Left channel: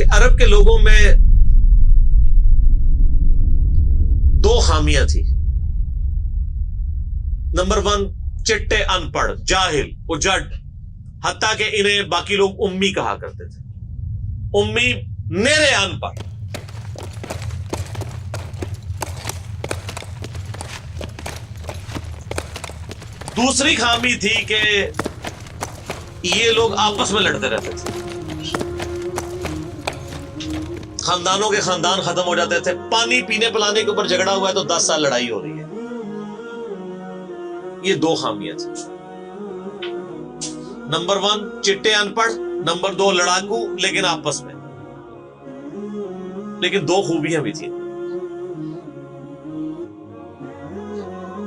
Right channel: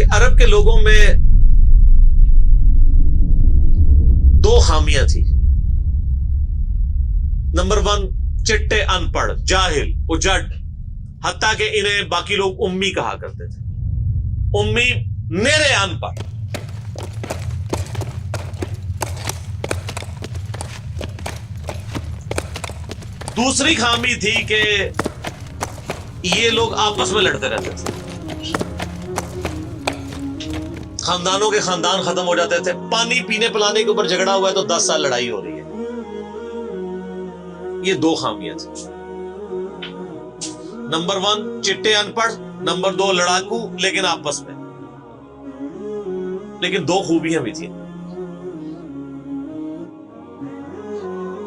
کہ عرب کے لوگوں میں دو خامیاں تھی. نمبر 1 چٹے ان پڑھ جاہل اجڈ، حتیٰ کہ انہیں باقی لوگ امی کہا کرتے تھے. امی نیرے ان پڑھ. دوسری خامی تھی کہ یہ لوگ آپس میں لڑتے رہتے تھے، خاندانوں کے خاندان ختم ہو جاتے تھے. پانی پینے پلانے کے اوپر جھگڑا ہوا ہے تو 10 سال لڑائی ہو رہی ہے. یہ دو خامیاں تھیں. نمبر 1 چٹے ان پڑھ، نمبر 2 لڑاکو لیکن آپس میں. لیکن دو خوبیاں بھی تھیں.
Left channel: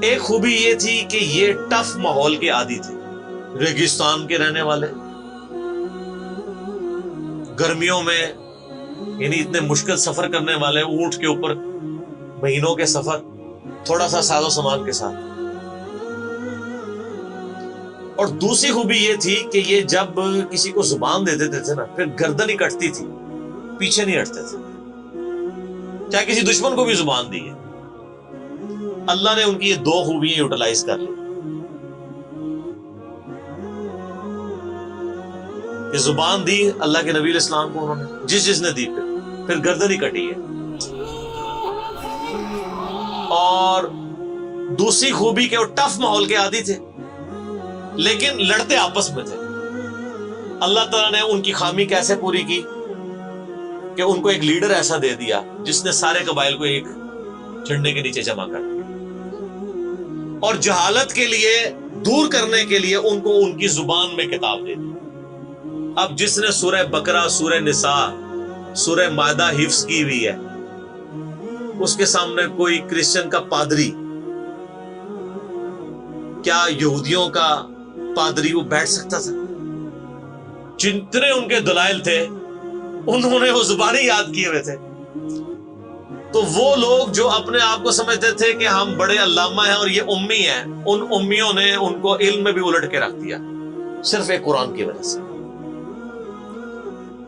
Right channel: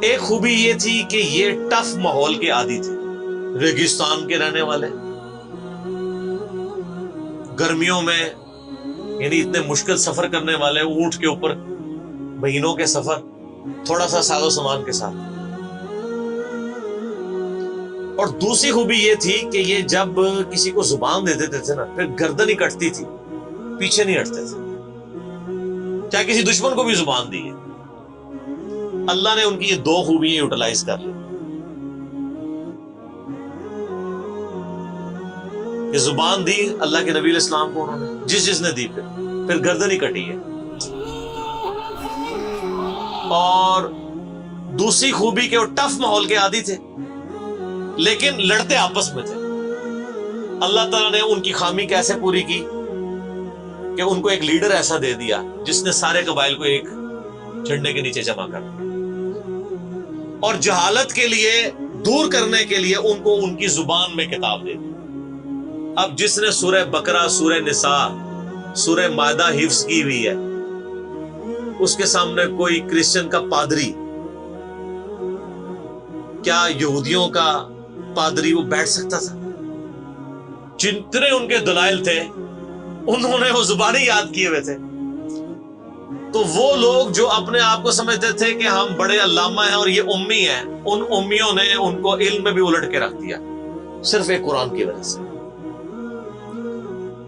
ایک خوبی یہ تھی کہ یہ ٹف ماحول کے عادی تھے، ریگستان کے رہنے والے، گرمیوں میں یعنی اتنے مشکل سفر کرنے والے، اونٹ کے اوپر مہینوں کے سفر، تھوڑا سا ساز و سامان کے ساتھ. اور دوسری خوبی یہ تھی کہ یہ جب کسی کو زبان دے دیتے تھے نا، پھر گردن ہی کٹتی تھی، پیچھے نہیں ہٹتے تھے، چاہے کسی دشمن کو بھی زبان دی ہے. اللہ نے ان کی یہ دو خوبیاں یوٹیلائز کر لی کہ زبان دی اللہ کے نبی علیہ السلام کو انہوں نے، جس نے دی پھر گردن ہی کٹی ہے. اور دوسری خوبی کہ وہ ٹف ماحول کے عادی تھے لیکن لڑتے آپس میں تھے. اللہ تعالیٰ نے ان کی خامی کیسے پوری کی کہ ان کو ایک لیڈر ایسا دے دیا جس نے سارے قبائل کو ایک جھنڈے کے نیچے جمع کر دیا، اور جہالت کے لیے دور کرنے کے لیے ان کو ان کی زبان میں کتاب دے دی. اب جس نے سورہ بقرہ، سورہ نساء، سورہ مائدہ حفظ کی ہوئی ہے، اس کے سامنے کوئی کرسچن کا پادری، کیا یہودیوں کا پادری وہ بیٹھ سکتا تھا؟ جتنے ان کے دلائل تھے انہوں نے وہ زبانی یاد کیے ہوئے تھے. تو وہ لوگ جو اپنے آپ کو سمجھتے تھے کہ ہم بڑے علامہ ہیں اور یہ امی ہیں، ان امیوں نے ان کو علم میں بھی الٹ کے رکھ دیا صرف ایک قرآن کی وجہ سے.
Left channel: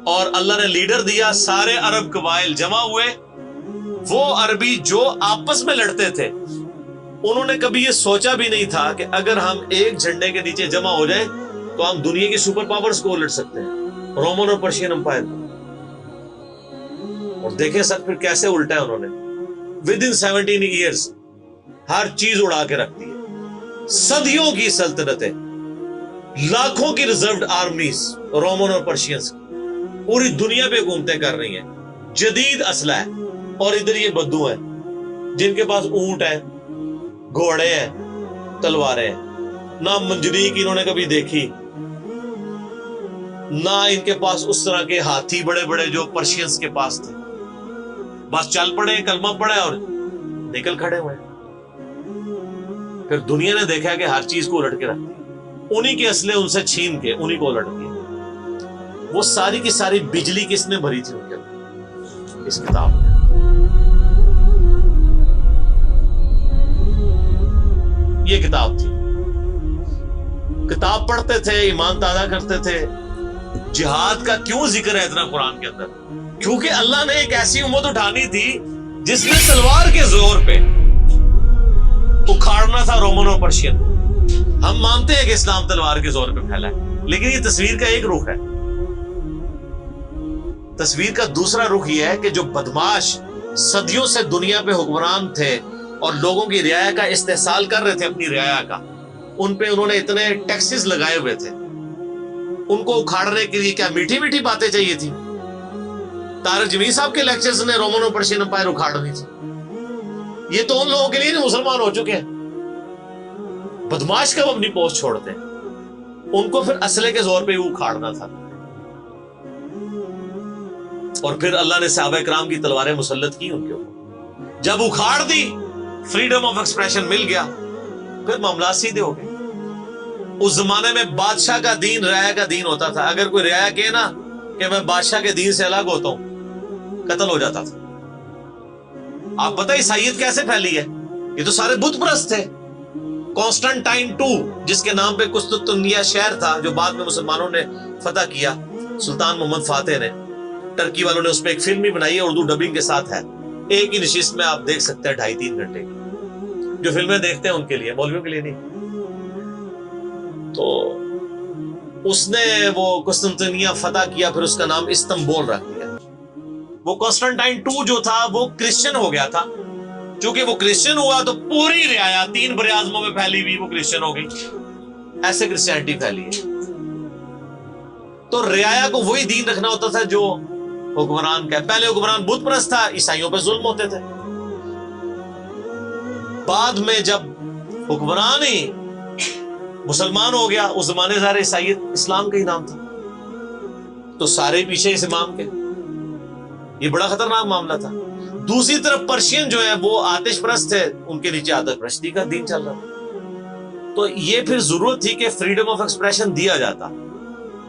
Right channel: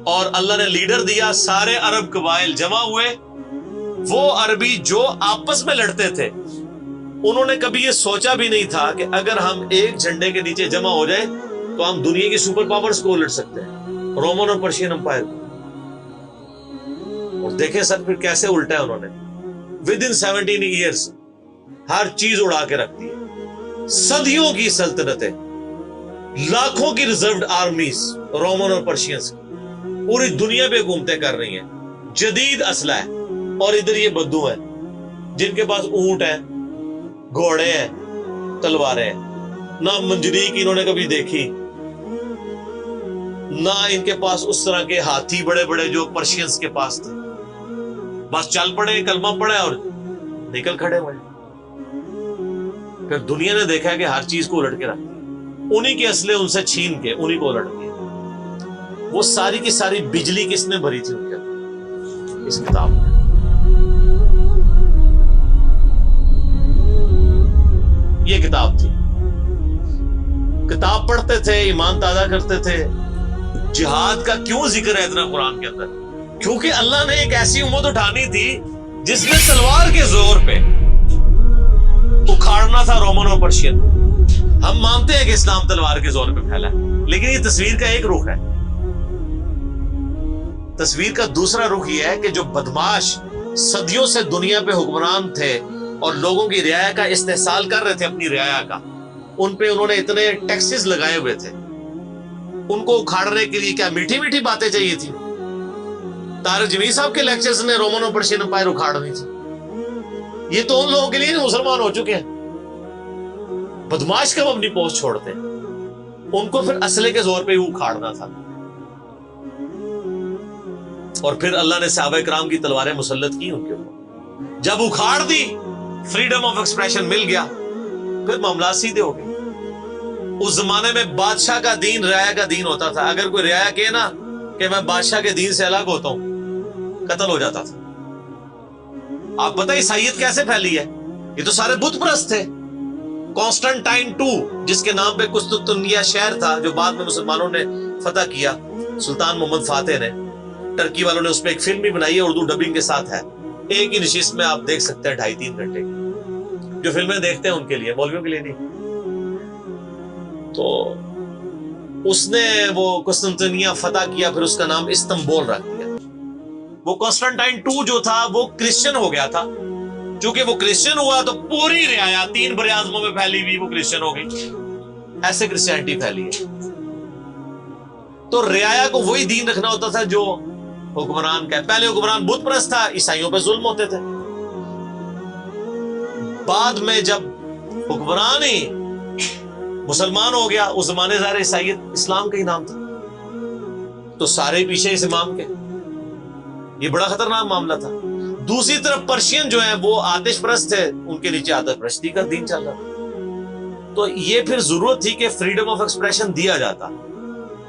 اور اللہ نے لیڈر دیا، سارے عرب قبائل جمع ہوئے. وہ عربی جو آپس میں لڑتے تھے انہوں نے کبھی یہ سوچا بھی نہیں تھا کہ اگر ہم ایک جھنڈے کے نیچے جمع ہو جائیں تو ہم دنیا کی سپر پاورز کو الٹ سکتے ہیں، رومن اور پرشین امپائر کو. اور دیکھیں سر پھر کیسے الٹا ہے انہوں نے. ود ان 17 ایئرز ہر چیز اڑا کے رکھ دی ہے. صدیوں کی سلطنتیں، لاکھوں کی ریزروڈ آرمیز رومن اور پرشینز کی پوری دنیا پہ حکومتیں کر رہی ہیں، جدید اسلحہ ہے. اور ادھر یہ بدو ہیں جن کے پاس اونٹ ہیں، گھوڑے ہیں، تلواریں ہیں. نہ منجنیق انہوں نے کبھی دیکھی، نہ ان کے پاس اس طرح کے ہاتھی بڑے بڑے جو پرشینز کے پاس تھے. بس چل پڑے، کلمہ پڑے اور نکل کھڑے ہوئے. پھر دنیا نے دیکھا ہے کہ ہر چیز کو الٹ کے رکھ دیا، انہی کے اسلحے ان سے چھین کے انہی کو الٹ دیا. وہ ساری کی ساری بجلی کس نے بھری تھی ان کے اندر؟ اس کتاب میں. یہ کتاب تھی. کتاب پڑھتے تھے، ایمان تازہ کرتے تھے. جہاد کا کیوں ذکر ہے اتنا قرآن کے اندر؟ کیونکہ اللہ نے ایک ایسی امت اٹھانی تھی جس نے تلوار کے زور پہ اکھاڑنا تھا رومن اور پرشین. ہم مانتے ہیں کہ اسلام تلوار کے زور پہ پھیلا ہے، لیکن یہ تصویر کا ایک رخ ہے. تصویر کا دوسرا رخ یہ ہے کہ جو بدماش صدیوں سے دنیا پہ حکمران تھے اور لوگوں کی رعایا کا استحصال کر رہے تھے، اپنی رعایا کا، ان پہ انہوں نے اتنے ٹیکسز لگائے ہوئے تھے. ان کو اکھاڑنے کے لیے کیا میٹھی میٹھی باتیں چاہیے تھی؟ طارق جمیل صاحب کے لیکچرز نے رومن اور پرشین امپائر اکھاڑنی تھی. یہ تو ان لوگوں کے لیے مسلمان ہو چکے ہیں. بدماش کب اپنی پوسٹ چھوڑتے ہیں؟ ان کو پھر اسلحے کے زور پہ ہی اکھاڑنا تھا. اور پھر اللہ نے صحابہ کرام کی تلواریں مسلط کی ان کے اوپر. جب اکھاڑ دی، فریڈم آف ایکسپریشن مل گیا، پھر معاملات سیدھے ہو گئے. اس زمانے میں بادشاہ کا دین رعایا کا دین ہوتا تھا. اگر کوئی رعایا کہے نا کہ میں بادشاہ کے دین سے الگ ہوتا ہوں، قتل ہو جاتا تھا. آپ پتہ عیسائیت کیسے پھیلی ہے؟ یہ تو سارے بت پرست تھے. کانسٹنٹائن 2 جس کے نام پہ قسطنطنیہ شہر تھا جو بعد میں مسلمانوں نے فتح کیا، سلطان محمد فاتح نے، ٹرکی والوں نے اس پہ ایک فلم بھی بنائی ہے، اردو ڈبنگ کے ساتھ ہے، ایک ہی نشست میں آپ دیکھ سکتے ہیں 2.5-3 گھنٹے کی. جو فلمیں دیکھتے ہیں ان کے لیے، مولویوں کے لیے نہیں. تو اس نے وہ قسطنطنیہ فتح کیا، پھر اس کا نام استنبول رکھ دیا. وہ کانسٹنٹائن 2 جو تھا وہ کرسچن ہو گیا تھا. چونکہ وہ کرسچن ہوا تو پوری رعایا 3 براعظموں میں پھیلی ہوئی وہ کرسچن ہو گئی. ایسے کرسچینٹی پھیلی ہے. تو رعایا کو وہی دین رکھنا ہوتا تھا جو حکمران کا ہے. پہلے حکمران بت پرست تھا، عیسائیوں پہ ظلم ہوتے تھے. بعد میں جب حکمران ہی مسلمان ہو گیا، اس زمانے ظاہر عیسائیت اسلام کا ہی نام تھا، تو سارے پیچھے اس امام کے. یہ بڑا خطرناک معاملہ تھا. دوسری طرف پرشین جو ہیں وہ آتش پرست تھے، ان کے نیچے آتش پرستی کا دین چل رہا تھا. تو یہ پھر ضرورت تھی کہ فریڈم آف ایکسپریشن دیا جاتا.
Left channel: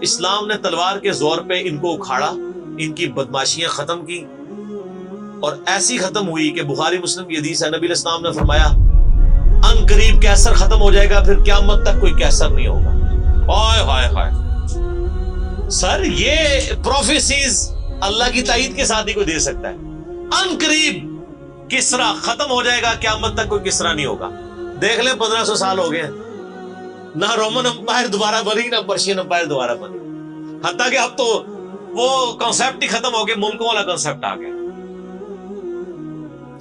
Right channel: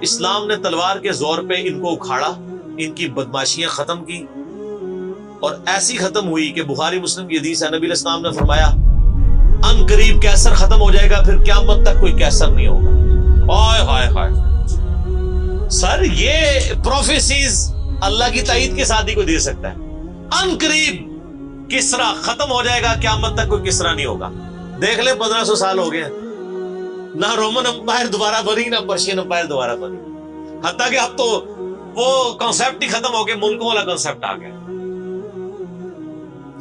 اسلام نے تلوار کے زور پہ ان کو اکھاڑا، ان کی بدماشیاں ختم کی، اور ایسی ختم ہوئی کہ بخاری مسلم کی حدیث ہے، نبی علیہ السلام نے فرمایا ان قریب کیسر ختم ہو جائے گا، پھر قیامت تک کوئی کیسر نہیں ہوگا. ہائے ہائے ہائے سر، یہ پروفیسیز اللہ کی تائید کے ساتھ ہی کوئی دے سکتا ہے. ان قریب کسرا ختم ہو جائے گا، قیامت تک کوئی کسرا نہیں ہوگا. دیکھ لیں 1500 سال ہو گئے ہیں، نہ رومن امپائر دوبارہ بنی، نہ پرشین امپائر دوبارہ بنی. حتیٰ کہ اب تو وہ کانسیپٹ ہی ختم ہو گئے، ملکوں والا کانسیپٹ آ گیا.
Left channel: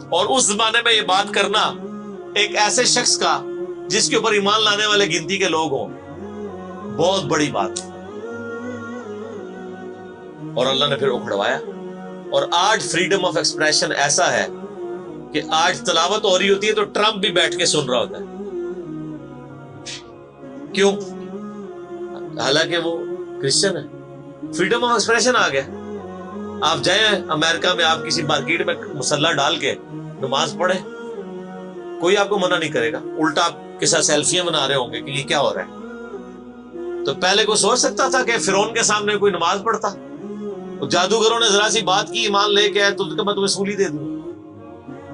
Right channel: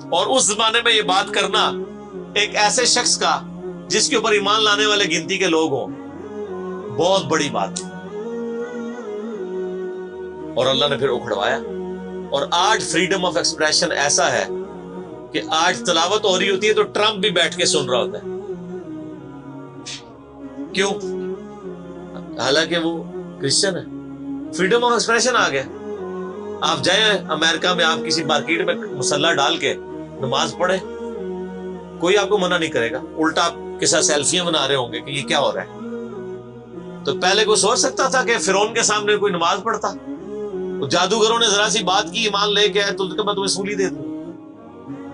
اور اس زمانے میں یہ بات کرنا ایک ایسے شخص کا جس کے اوپر ایمان لانے والے گنتی کے لوگ ہوں، بہت بڑی بات. اور اللہ نے پھر اکھڑوایا. اور آج فریڈم آف ایکسپریشن ایسا ہے کہ آج تلاوت ہو رہی ہوتی ہے تو ٹرمپ بھی بیٹھ کے سن رہا ہوتا ہے. کیوں؟ حالانکہ وہ کرسچن ہے. فریڈم آف ایکسپریشن آ گیا. آپ جائیں امریکہ میں، آپ کسی مارکیٹ میں مسلح ڈال کے نماز پڑھیں، کوئی آپ کو منع نہیں کرے گا. الٹا آپ کے ساتھ سیلفیاں بنا رہے ہوں گے کہ یہ کیا ہو رہا ہے. تو پہلے کوئی سوچ سکتا تھا کہ فرعون کے سامنے کوئی نماز پڑھتا؟ جادوگروں نے ذرا سی بات کی، ایمان لے کے آئے تو میں تمہیں سولی دے دوں.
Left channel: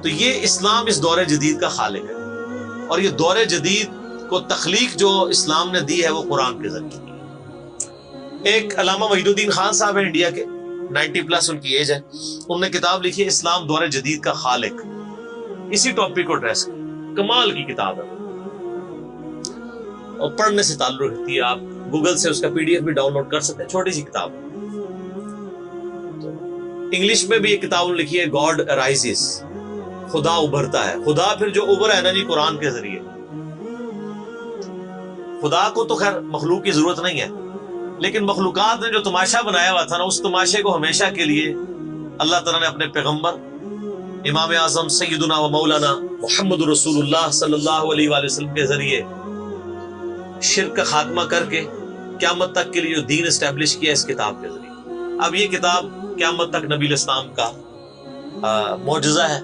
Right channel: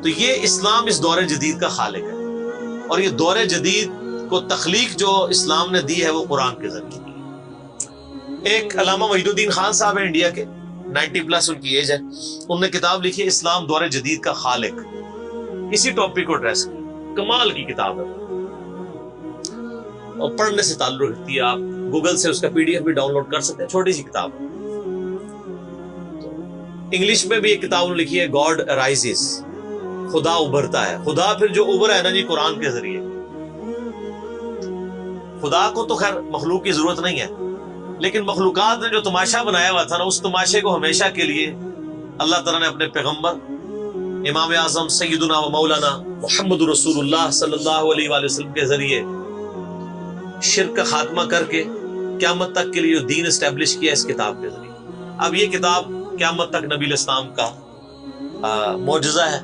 تو یہ اسلام اس دور جدید کا خالق ہے، اور یہ دور جدید کو تخلیق جو اسلام نے دی ہے وہ قرآن کے ذریعے. ایک علامہ وحید الدین خان صاحب ہیں انڈیا کے، 90+ ان کی ایج ہے. انہوں نے کتاب لکھی ہے اسلام دور جدید کا خالق. اسی ٹاپک کو ایڈریس کی، کمال کی کتاب ہے وہ، اور پڑھنے سے تعلق رکھتی ہے. آپ گوگل سے اس کا PDF بھی ڈاؤن لوڈ کر سکتے ہیں، چھوٹی سی کتاب ہے. انگلش میں بھی ایک کتاب لکھی ہے گاڈ رائزز، خدا ابھرتا ہے. خدا پھر جو ابھرا ہے نا جی قرآن کے ذریعے. خدا کو تو خیر مخلوق کی ضرورت نہیں ہے، لیکن مخلوقات نے جو تماشا بنایا ہوا تھا نا، اس تماشے کو ہمیشہ کے لیے اللہ تعالیٰ نے اپنے پیغمبر امام اعظم سیدنا و مولانا محمد رسول اللہ صلی اللہ علیہ وآلہ وسلم کے ذریعے شرک کا خاتمہ کر کے قیامت تک کے لیے جو دین اسٹیبلش کیا اس کتاب کے ذریعے. اب یہ کتاب قیامت تک نبی علیہ السلام کا معجزہ ہے.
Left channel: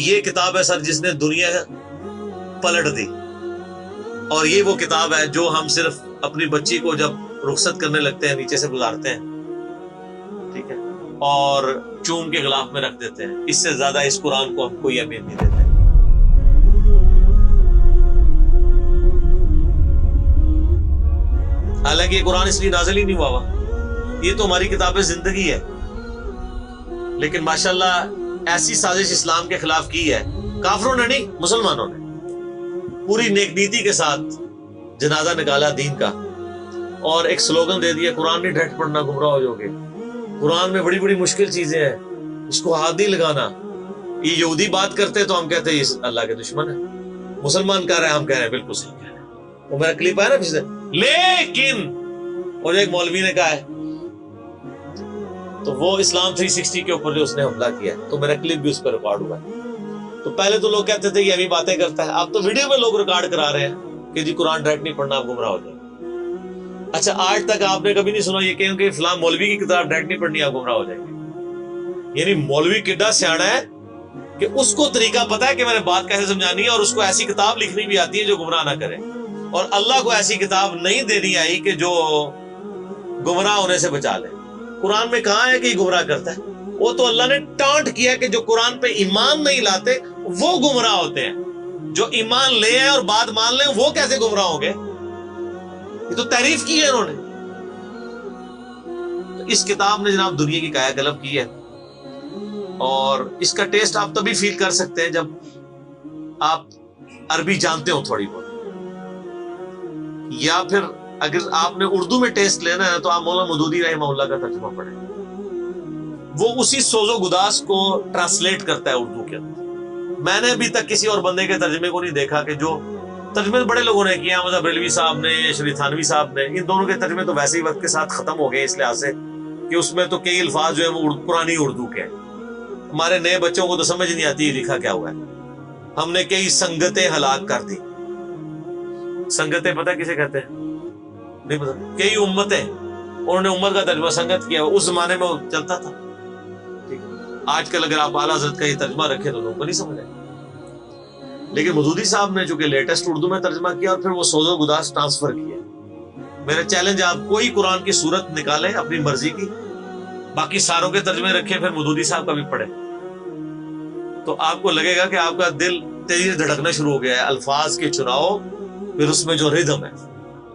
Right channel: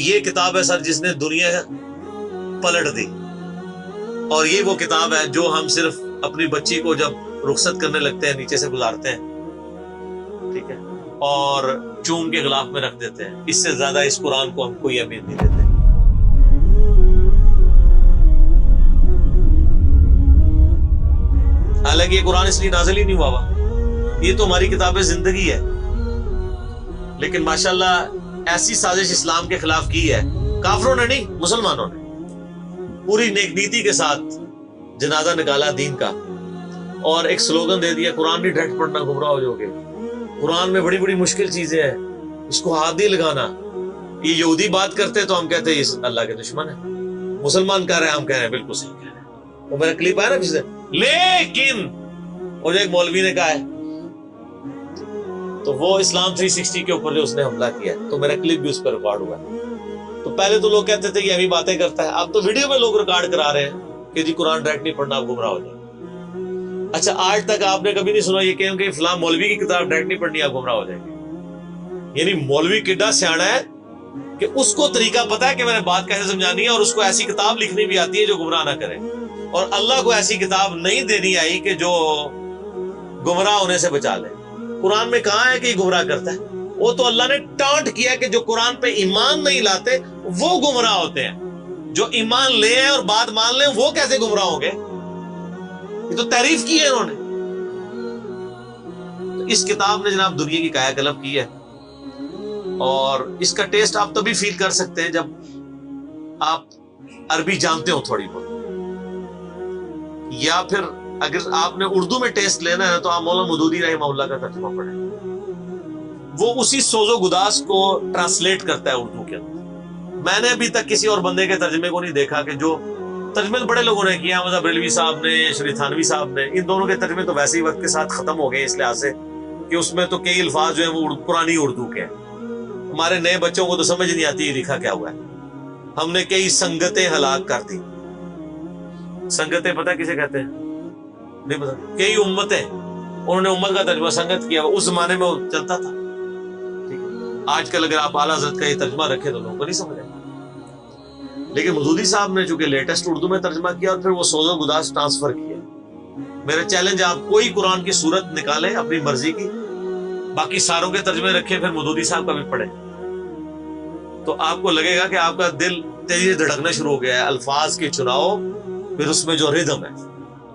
یہ کتاب ہے سر جس نے دنیا پلٹ دی. اور یہ وہ کتاب ہے جو ہم صرف اپنی بچی کو جب رخصت کرنے لگتے ہیں نیچے سے گزارتے ہیں، ٹھیک ہے، اور چوم کے غلاف میں رکھ دیتے ہیں. اس سے زیادہ اس قرآن کو ہم کوئی اہمیت نہیں دیتے. حالانکہ یہ قرآن اس لیے نازل ہی نہیں ہوا ہوا، یہ تو ہماری کتاب زندگی ہے. لیکن ماشاءاللہ ایسی سازش اسلام کے خلاف کی ہے، کافروں نے نہیں، مسلمانوں نے پوری نیک نیتی کے ساتھ جنازہ نکالا دین کا، اور ایک سلوگن دے دیا قرآن نہیں ڈائریکٹ پڑھنا گمراہ ہو جاؤ گے. قرآن میں بڑی بڑی مشکل چیزیں ہیں، اس کو ہاتھ نہیں لگانا. یہ یہودی بات کرتے تو ہم کہتے ہیں یہ اللہ کے دشمن ہے. مسلمان کہہ رہے ہیں، ہم کہہ رہے ہیں بالکل صحیح کہہ رہے ہیں. وہ میرا کلپ آیا نا پچھلے، لیکن اور ایک مولوی نے کہا ہے تو وہ اسلام 360 کے اوپر جو اس نے حملہ کیا ہے، تو میرا کلپ بھی اس پہ ریکارڈ ہوا ہے. تو پہلے تو لوگ کہتے تھے یہ ہمیں باتیں کرتا ہے، اب تو ویڈیو میں لوگ ریکارڈ کرا رہے ہیں کہ جی قرآن ڈائریکٹ نہیں پڑھنا، آپ گمراہ ہو جائیں. اچھا آج تک آپ نے کبھی نہیں سنا یہ کہیں کہ فلاں مولوی کی کتاب ڈائریکٹ نہیں پڑھنی، آپ گمراہ ہو جائیں گے. یعنی مولوی کڈا سیاڑا ہے کہ اس کو طریقہ پتا ہے کہ میں نے بات کیسے سمجھانی ہے، اور اس کو ایسی کتاب لکھنی بھی آتی ہے جو گمراہ نہ کرے. اور اللہ کو ایسی کتاب نہیں دینی آئی کہ جو گمراہ ہونے سے بچا لے. قرآن میں کہاں ہے کہ یہ گمراہ کرتا ہے؟ وہ تو اللہ نے ٹانٹ کیا کہ جو قرآن پہ ایمان نہیں لاتے وہ گمراہ ہوتے ہیں. جو ایمان لے آئے اور بات مان لیں وہ کیسے گمراہ ہوں گے؟ یہ تو تعریف کی ہے انہوں نے. تو اس کتاب نے جناب دنیا کی کایا کلب کی ہے، اور اس کا ٹیسٹ آپ تبھی فیل کر سکتے ہیں جب آپ عربی جانتے ہو تھوڑی بہت، یا پھر اگر آپ نے اردو میں ٹیسٹ لینا ہے تو آپ مولانا مودودی رحمہ اللہ کا ترجمہ پڑھیں، وہ اسی سوز و گداز کو ٹرانسلیٹ کرتا ہے اردو کے اندر۔ میں نے ابھی تک کسی اور بندے کے ترجمے کو نہیں دیکھا کہ جو ترجمے بڑے لوگوں نے کیا، مذہب بریلوی صاحب نے، شریف تھانوی صاحب نے، ان دونوں کے ترجمے تو ویسے ہی وقت کے ساتھ ختم ہو گئے اس لحاظ سے کہ اس میں تو کئی الفاظ جو ہیں وہ پرانی اردو کے ہیں، ہمارے نئے بچوں کو تو سمجھ نہیں آتی یہ لکھا کیا ہوا ہے۔ ہم نے کئی سنگتیں ہلاک کر دی۔ سنگتیں پتہ کسے کہتے ہیں؟ نہیں پتا۔ کئی امتیں، انہوں نے امت کا ترجمہ سنگت کیا، اس زمانے میں وہ چلتا تھا، ٹھیک ہے۔ آج کل اگر آپ اعلیٰ حضرت کا یہ ترجمہ رکھیں تو لوگوں کو نہیں سمجھ آئے، لیکن مودودی صاحب نے چونکہ لیٹسٹ اردو میں ترجمہ کیا اور پھر وہ سوز و گداز ٹرانسفر کیا۔ میرا چیلنج، آپ کوئی قرآن کی صورت نکالیں اپنی مرضی کی، باقی ساروں کے ترجمے رکھیں، پھر مودودی صاحب کا بھی پڑھیں، تو آپ کو لگے گا کہ آپ کا دل تیزی سے دھڑکنا شروع ہو گیا ہے۔ الفاظ کے چناؤ، پھر اس میں جو ردم ہے،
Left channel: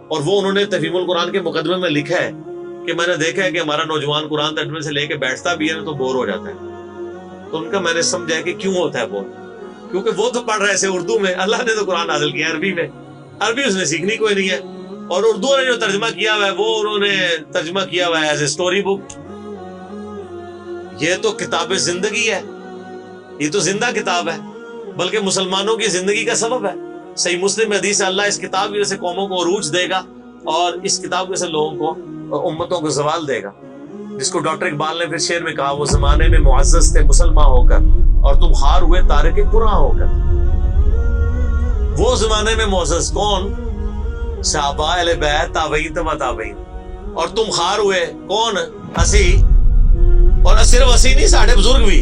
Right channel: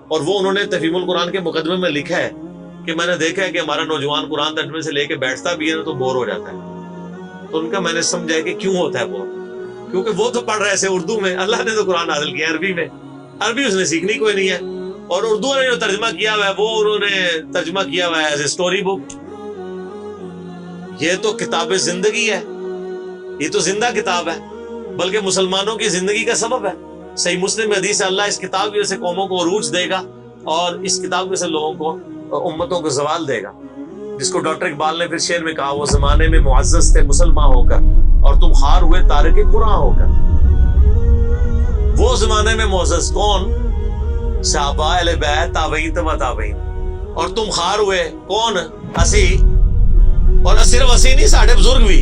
اور وہ انہوں نے تفہیم القرآن کے مقدمے میں لکھا ہے کہ میں نے دیکھا ہے کہ ہمارا نوجوان قرآن ترجمے سے لے کے بیٹھتا بھی ہے نا تو بور ہو جاتا ہے، تو ان کا میں نے سمجھا کہ کیوں ہوتا ہے بور، کیونکہ وہ تو پڑھ رہے تھے اردو میں، اللہ نے تو قرآن نازل کیا عربی میں، عربی اس نے سیکھنی کوئی نہیں ہے، اور اردو نے جو ترجمہ کیا ہوا ہے وہ انہوں نے ترجمہ کیا ہوا ہے ایز اے اسٹوری بک۔ یہ تو کتاب زندگی ہے، یہ تو زندہ کتاب ہے، بلکہ مسلمانوں کی زندگی کا سبب ہے۔ صحیح مسلم میں حدیث ہے، اللہ اس کتاب کی وجہ سے قوموں کو عروج دے گا اور اس کتاب کی وجہ سے لوگوں کو، امتوں کو زوال دے گا، جس کو ڈاکٹر اقبال نے پھر شعر میں کہا، وہ زمانے میں معزز تھے مسلمان ہو کر اور تم خار ہوئے تارک قرآن ہو کر۔ وہ زمانے میں معزز کون؟ صحابہ، اہل بیت، تابعین، تبع تابعین، اور تم خار ہوئے کون؟ اسی، اور صرف اسی نہیں، ساڑھے بزرگ بھی۔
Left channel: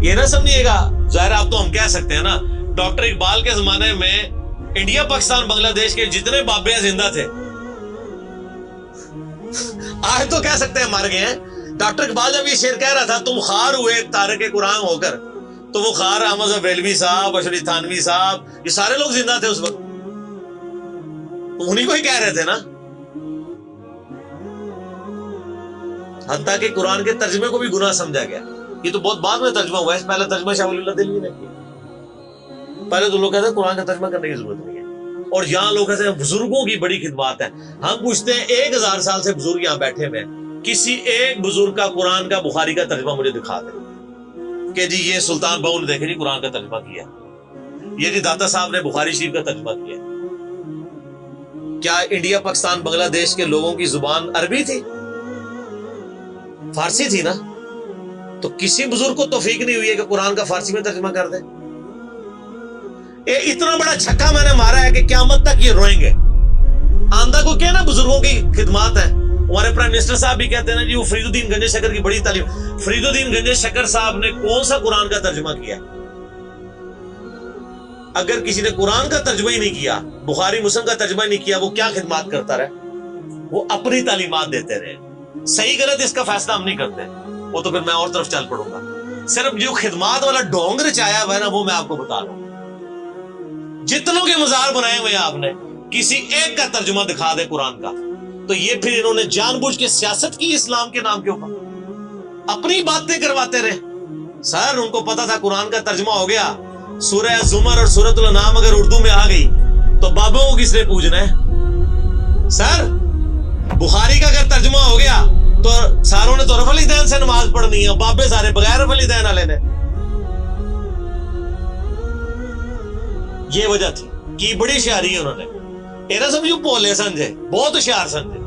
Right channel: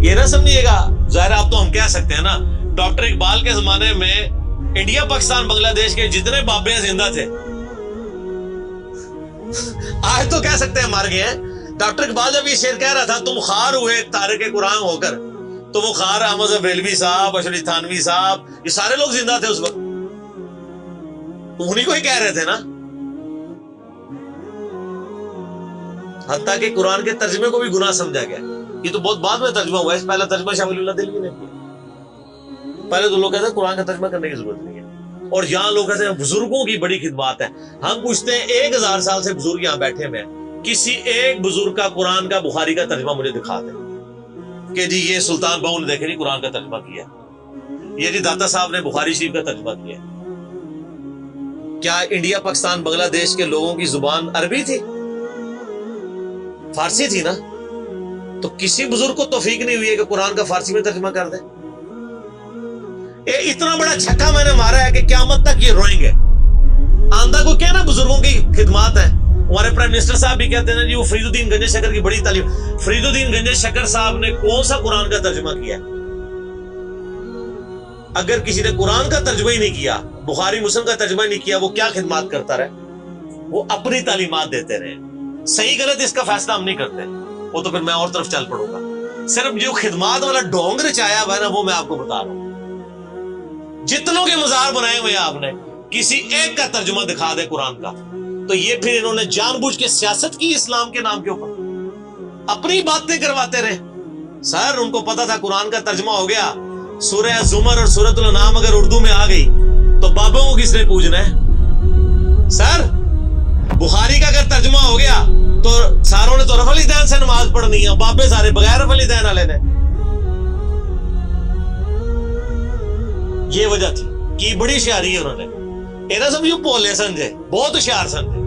یہ نہ سمجھیے گا، ظاہر آپ تو ہم کہہ سکتے ہیں نا، ڈاکٹر اقبال کے زمانے میں انڈیا، پاکستان، بنگلہ دیش کے جتنے بابے ہیں زندہ تھے، آج تو کہہ سکتے ہیں مر گئے ہیں۔ ڈاکٹر اقبال جب یہ شعر کہہ رہا تھا تم خار ہوئے تارک قرآن ہو کر، تو وہ خار احمد بریلوی صاحب، اشرف تھانوی صاحب، یہ سارے لوگ زندہ تھے اس وقت، انہی کو ہی کہہ رہے تھے نا۔ حتیٰ کہ قرآن کے ترجمے کو بھی گناہ سمجھا گیا، یہ تو بہت بعد میں ترجمہ ہوا ہے، پہلا ترجمہ شاہ ولی اللہ دہلوی نے کیا۔ پہلے تو لوگ کہتے ہیں قرآن کا ترجمہ کرنے کی ضرورت نہیں ہے، اور یہاں لوگ کہتے ہیں بزرگوں کی بڑی خدمات ہے۔ ہم پوچھتے ہیں 1000 سال سے بزرگ یہاں بیٹھے ہوئے ہیں، کسی ایک بزرگ کا قرآن کا بخاری کا ترجمہ مجھے دکھا دیں کہ جی یہ سلطان بہو نے دیکھے جی قرآن کا ترجمہ کیا، یہ جی داتا صاحب نے بخاری شریف کا ترجمہ کیا۔ کیا انڈیا، پاکستان، بنگلہ دیش کے لوگوں کی زبان عربی تھی؟ فارسی تھی نا؟ تو کسی بزرگ کو توفیق نہیں ہوئی ہے کہ قرآن کا فارسی میں ترجمہ کر دے۔ اتنا بڑا چھکا میں نے مارا ہے کہ قیامت تک یہ روئیں گے۔ آندہ کو کہنا بزرگوں کی خدمات ہیں۔ ہمارے پرائم منسٹر صاحب بھی کہتے ہیں نا جی وہ فرید الدین گنج شکر کی بڑی تعلیم۔ فرید الدین گنج شکر صاحب نے کون سا قرآن کا ترجمہ کیا؟ اگر کسی نے قرآن کا ترجمہ ہی نہیں کیا، بخاری مسلم کا ترجمہ ہی نہیں کیا، وہ کیا خدمات کرتا رہے؟ وہ اپنی تعلیمات دیتے رہے۔ صحیح غلط اس کا فیصلہ ہم نہیں کرتے، وہ تو پھر میں اور طرف چل پڑوں گا۔ صرف جو خدمات والا ڈونگ رچایا ہوا ہے نا وہ میں آپ کو بتا رہا ہوں۔ جتنوں کے مزار بنائے ہوئے آپ نے، کسی ایک کا ترجمہ دکھا دے قرآن کا، تو یہ پھر انہوں نے جان بوجھ کے سیاست کی اسلام کے نام کے اوپر، اپنی باتیں کرواتے رہے۔ سر ان کو پتا تھا قرآن کا ترجمہ ہو گیا، سورہ زمر اور سورۃ الانعام اگر اردو میں آ گئی تو بابوں کو کس نے پوجنا ہے؟ سر بخاری کا اگر ترجمہ ہو گیا تو ساروں نے تو رفع الیدین سے نماز پڑھنی ہے، بابے سارے بغیر رفع الیدین والے نے۔ یہ وجہ تھی کہ بڑی ہوشیاری ہے انہوں نے، یہ نہ سمجھو بولے سمجھے، بہت ہوشیار سمجھے۔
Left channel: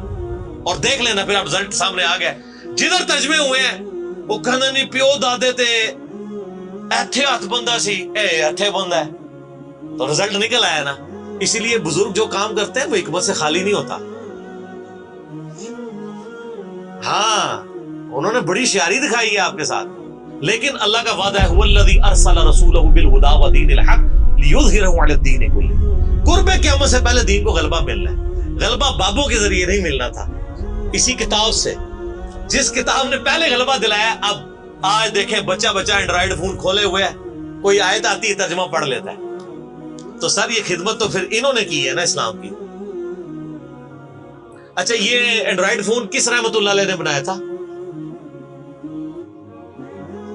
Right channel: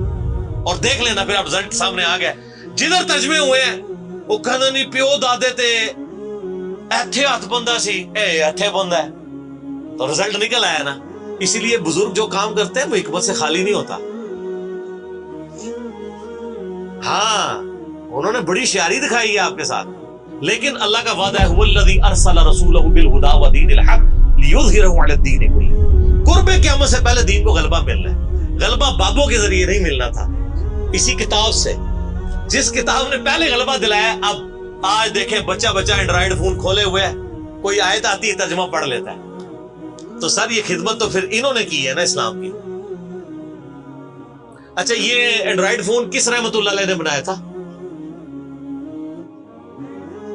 اور دیکھ لینا پھر اب رزلٹ سامنے آ گیا، جدھر ترجمے ہوئے ہیں وہ کہنا نہیں پیو دادے تے ایتھے ہاتھ بندہ سی، اے ایتھے بندہ ہے، تو رزلٹ نکل آیا نا۔ اسی لیے بزرگ جو کام کرتے ہیں وہ حکمت سے خالی نہیں ہوتا۔ ہاں انہوں نے بڑی شیاری دکھائی ہے آپ کے ساتھ، لیکن اللہ کا وعدہ ہے هو الذی ارسل رسولہ بالہدی ودین الحق لیظہرہ علی الدین کلہ۔ قرب قیامت سے پہلے دین کو غلبہ ملنا ہے، غلبہ بابوں کے ذریعے نہیں ملنا تھا، اسی کتاب سے، جس کتاب نے پہلے غلبہ دلایا۔ اب آج دیکھیں بچہ اینڈرائیڈ فون کھولے ہوئے ہے، کوئی آیت آتی ہے ترجمہ پڑھ لیتا ہے۔ تو سر یہ خدمت تو پھر انہوں نے کی ہے نا اسلام کی۔ اچھا یہ اینڈرائڈ فون کس رحمت اللہ علیہ نے بنایا تھا؟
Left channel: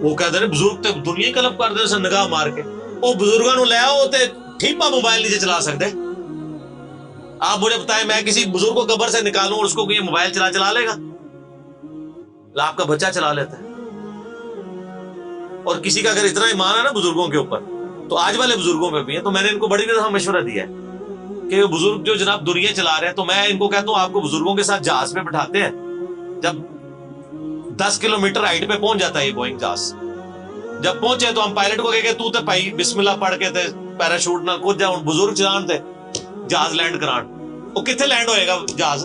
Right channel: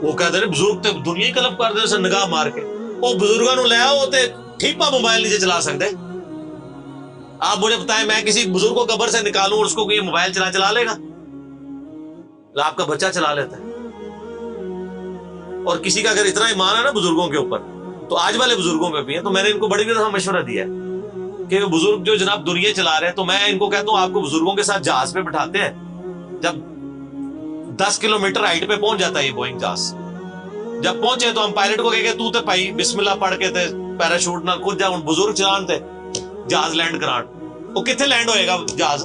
وہ کہتے ہیں بزرگ تے دنیا ہی کلپ کر دے نگاہ مار کے. وہ بزرگوں نو لے آؤ تے ٹھیپا موبائل نیچے چلا سکتے. آپ مجھے بتائیں میں کسی بزرگ کو قبر سے نکالوں اور اس کو یہ موبائل چلا لے گا؟ آپ کا بچہ چلا لیتا ہے. اور کسی کا اگر اتنا ایمان ہے نا بزرگوں کے اوپر, تو آج والے بزرگوں پہ بھی ہے. تو میں نے ان کو بڑی دفعہ مشورہ دیا ہے کہ بزرگ جو جناب دنیا چلا رہے ہیں, تو میں ان کو کہتا ہوں آپ کو بزرگوں کے ساتھ جہاز پہ بٹھاتے ہیں. جب 10 کلومیٹر ہائٹ پہ پہنچ جاتا ہے یہ بوئنگ جہاز, جب پہنچے تو ہم پائلٹ کو کہے تو تے پائی بسم اللہ پڑھ کے تے پیراشوٹ نال کود جا, بزرگ چلان تے جہاز لینڈ کران. وہ کتنے لینڈ ہوئے گا جہاز؟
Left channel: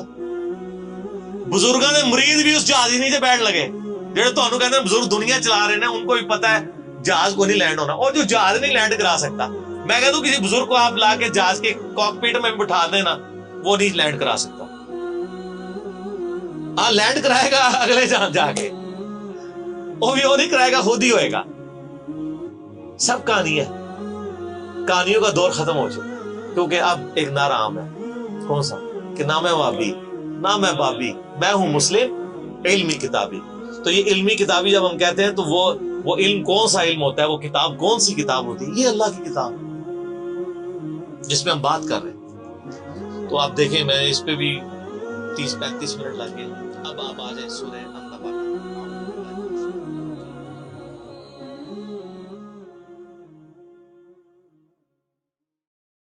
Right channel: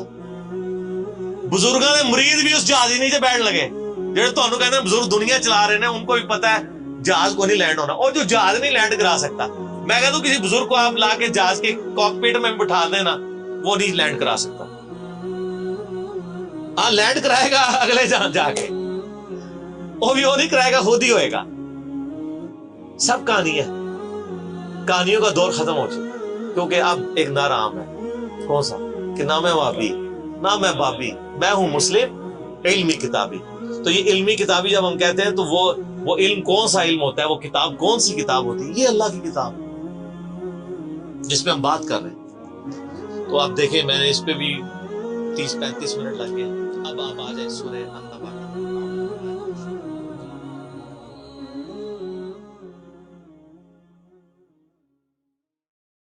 بزرگاں دے مرید بھی اس جہاز ہی نیچے بیٹھ لگے. جہاں تمہیں کہتے ہیں بزرگ دنیا چلا رہے ہیں ان کو بھی پتا ہے جہاز کو نہیں لینڈ ہونا. اور جو جہاز نہیں لینڈ کرا سکتا, میں کہتا ہوں کسی بزرگ کو آپ لا کے جہاز کے کاک پیٹ میں بھی بٹھا دینا, وہ نہیں لینڈ کرا سکتا. ہاں لینڈ کرائے گا اگلے جہاں جا کے, وہ بھی وہ نہیں کرائے گا, خود ہی ہوئے گا. سب کہانی ہے, کہانیوں کا دور ختم ہو چکا, کیونکہ اب ایک نعرہ عام ہے. کون سا؟ کہ نہ میں وابی نہ میں بابی, میں ہوں مسلم علمی کتابی. تو یہ علمی کتابی جب ہم کہتے ہیں تو وہ علم کون سا علم ہوتا ہے, وہ کتاب کون سی کتاب ہوتی ہے؟ یہ اللہ کی کتاب جس پہ ہم بات کر رہے ہیں. تو آپ دیکھیں میں اس پہ بھی 30-35 منٹ لگ گئے. اب آپ آ جائیں سورہ النبا.